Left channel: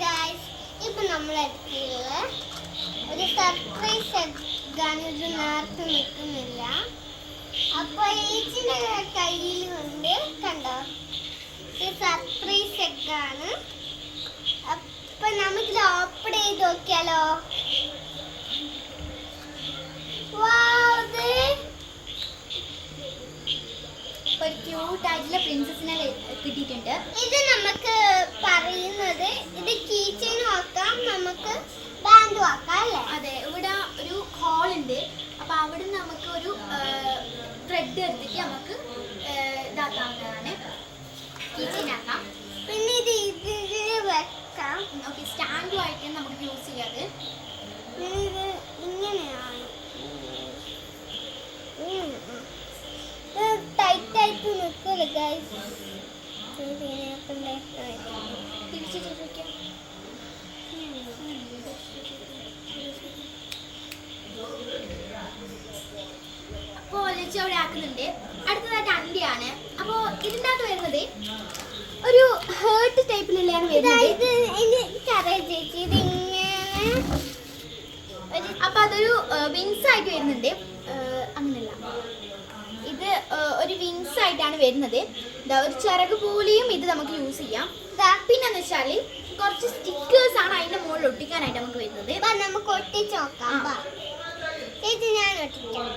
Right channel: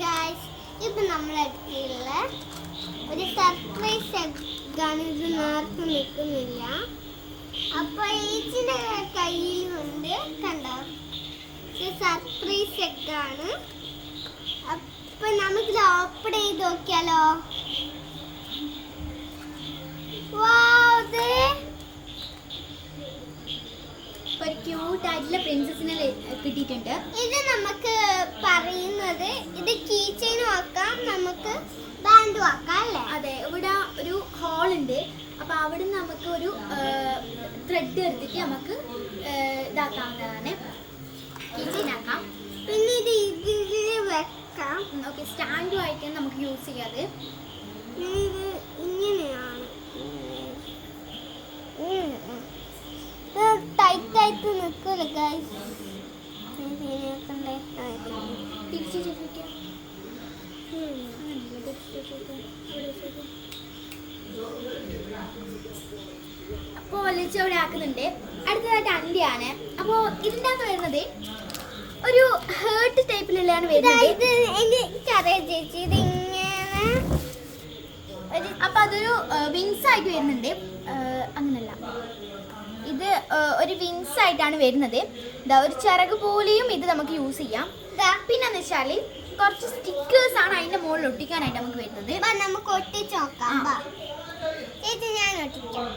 Guys നമ്മൾ നമ്മളെത്തിയുള്ള ഒരു surprise എഗ്ഗാണ് നേർത്ത് നിൽക്കുന്നില്ല. അപ്പൊ ഏച്ചിന്റെ കയ്യിൽ കൊണ്ട്? സർപ്രൈസ് എഗ്ഗാണ് അപ്പൊ നമുക്കിത് ഓപ്പൺ ചെയ്ത് നോക്കിയാലോ? ഒരു ക്യൂട്ട് ആയിട്ടുള്ള പ്രിൻസസിനെ കിട്ടിയിട്ടുണ്ട്. ഇത് നമുക്ക് പറയുന്നത് ഇത് കീ ചെയിനും ആക്കാം നമുക്ക് ബാൻഡും ആക്കാം അല്ലേ? അതെ ഇവിടെ ഒരു ഹോൾ ഉണ്ട്. അപ്പൊ അവിടെ നമുക്ക് ഒരു ത്രെഡ് എടുത്തിട്ട് നമുക്ക് ഇതാക്കാവുന്നതാണ്. കിച്ചൺ ആക്കാം. പിന്നെ ഇത് ഇതിൽ വെക്കാം. ഓക്കെ സ്റ്റാൻഡുമായിട്ട് നമുക്ക് യൂസ് ചെയ്യാതെ ഇത് ഇങ്ങനെയാണ്. ടൈറ്റ് ആയിട്ട് നിൽക്കില്ല ഗൈസ് അപ്പോൾ വലിച്ച് അവിടെ ആക്കുന്നുണ്ട്. അടുത്തതായിട്ട് അണ്ടിയാണ്. അപ്പോൾ ഇതിന്റെ വരുന്നത് ഒരു ഹേർട്ട് ടൈപ്പിലുള്ളതാണ് വരുന്നത്. ഇത് എനിക്കറിയാം ചേച്ചി ഇത് ഇങ്ങനെ ഒരു അപ്പൊ അതൊരു വിങ്സ് ആയിട്ട് വരുന്നുണ്ട്. അങ്ങനെയല്ല അങ്ങനല്ല. ഇത് ഒരു വിങ്സ് ആയിട്ടാണ് വരുന്നത്. ഇതാ ഒരു ചിറക് പോലെയും ഇത് നമുക്ക് യൂസ് ചെയ്യാം. ഇതാ പിന്നെന്ന് വെച്ചാൽ കുറച്ച് സ്റ്റിക്കേഴ്സ് ആണ് അതിന്റെ മുകളിൽ ഒട്ടിക്കാനായിട്ട് നമുക്ക് വരുന്നത്. നമുക്ക് ഒട്ടിച്ച് നോക്കാം. ഞാൻ ഒട്ടിക്കാം.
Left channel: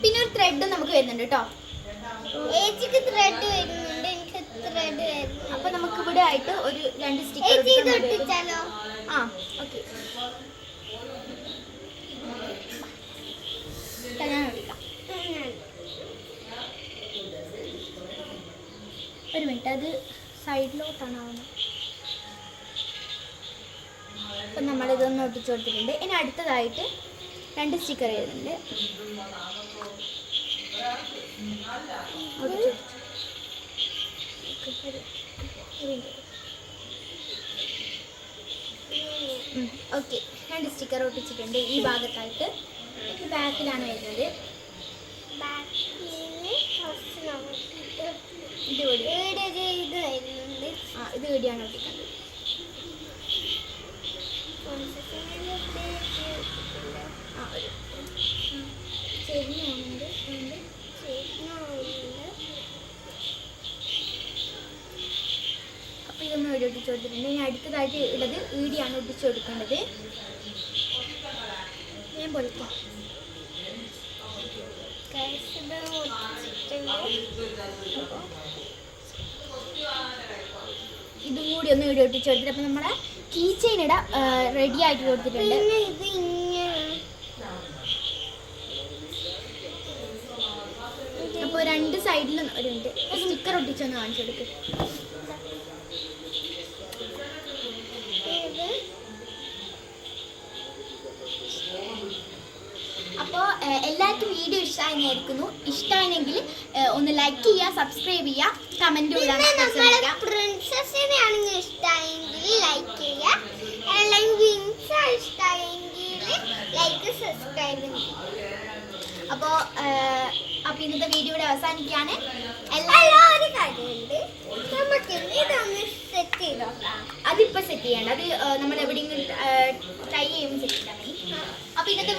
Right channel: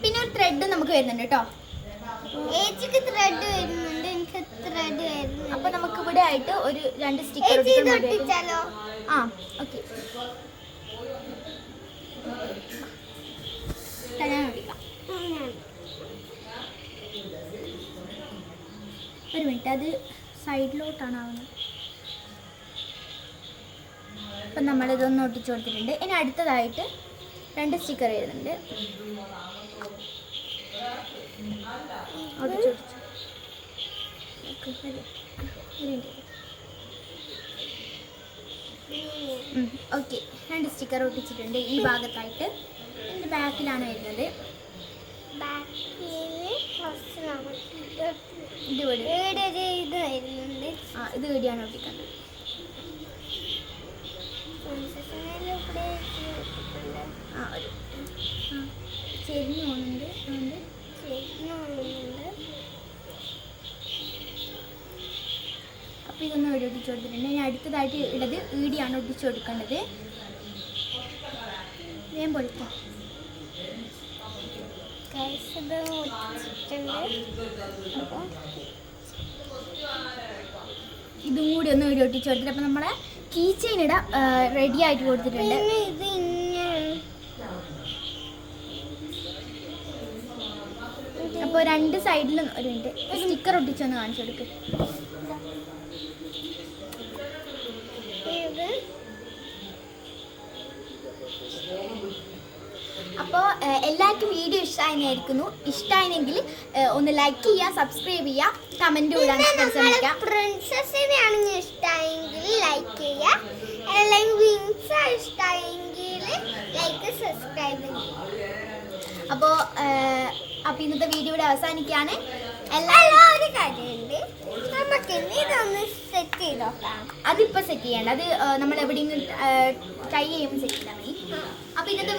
പിന്നെ ഒരു ത്രെഡ് നമുക്ക് വരുന്നുണ്ട് കേട്ടോ. ഏച്ചിക്ക് ത്രെഡ് വരുന്നുണ്ട് എനിക്ക് ത്രെഡ് വരുന്നുണ്ട്. അപ്പൊ നമുക്ക് ഇവിടെ ആയിട്ട് ഒരു രണ്ട് സ്റ്റിക്കർ ഒട്ടിച്ചാലോ? ആ ഓക്കെ ഞാൻ ഒട്ടിക്കാം ഉം. ഒരു മിനിറ്റ് അത് സൈഡിലോട്ടാണ് ആവുന്നത്. അപ്പം നമ്മളിതൊന്ന് ഒട്ടിച്ചു കൊടുത്തിട്ടുണ്ട്. ഇനി അടുത്തതായിട്ട് രണ്ട് സ്റ്റിക്കർ വരുന്നുണ്ട്. ഓക്കെ. രണ്ട് സ്റ്റിക്കർ ഒട്ടിച്ചിട്ടുണ്ട് ഈ ഭാഗത്തായിട്ട്. ബാക്കിലാണ് വരുന്നത്. ബാക്കിൽ കുറച്ച് ഇത് വീഡിയോ വെച്ച് വെച്ചിട്ടുണ്ട്. ആ ഒരു ഇവിടെ ഒട്ടിച്ചു കൊടുത്തിട്ടുണ്ട് ഇനി അടുത്തതായിട്ട് ഉള്ളത് ഈടിയാണ് ഒട്ടിച്ചു കൊടുക്കേണ്ടത് ഞാൻ പൊളിക്കാം കഴിച്ചത് ഒട്ടിച്ചിട്ടുണ്ട്. ഇതും കൂടി ഒന്ന് വീഡിയോ ഒട്ടിച്ച് കൊടുത്തിട്ട് അപ്പോൾ നമ്മളെ കീ ചെയിൻ ഇട റെഡി ആയിട്ട് കൊടുത്തിട്ടുണ്ട്. അപ്പോൾ രണ്ട് സൈഡിലും ഒരു മിനിറ്റ് സ്റ്റിക്കർ ഒട്ടിച്ചൊന്ന് കാണിച്ചു കൊടുക്ക്. അപ്പോൾ എല്ലാവർക്കും വീഡിയോ ഇഷ്ടമായിരിക്കുന്നു ഇഷ്ടമായെങ്കിൽ ഒന്ന് ലൈക്ക് ചെയ്യുക സബ്സ്ക്രൈബ് ചെയ്യുക കമന്റ് വിടാൻ ശ്രമിക്കുക പ്രിൻസസിനെ ആണെങ്കിൽ ഇഷ്ടമായെങ്കിൽ ലൈക്ക് ചെയ്യുക അല്ലെങ്കിൽ വിൻസ് ഇഷ്ടമായെങ്കിൽ ലൈക്ക് സബ്സ്ക്രൈബ് ചെയ്യുക അപ്പോൾ അപ്പൊ ഇന്നത്തെ വീഡിയോ ഇവിടെ അവസാനിക്കാണ് അതിപ്പോ ഒരു കാര്യമുണ്ട് നമുക്കിനി ഇതൊന്ന് സെറ്റ് ചെയ്ത് നോക്കാം. അതിപ്പോൾ സെറ്റ് ചെയ്യേണ്ട. അത് നമ്മൾ എവിടെയെങ്കിലും ട്രൈ ചെയ്യുമ്പോൾ സെറ്റ് ചെയ്താൽ മതി. ഇന്നത്തെ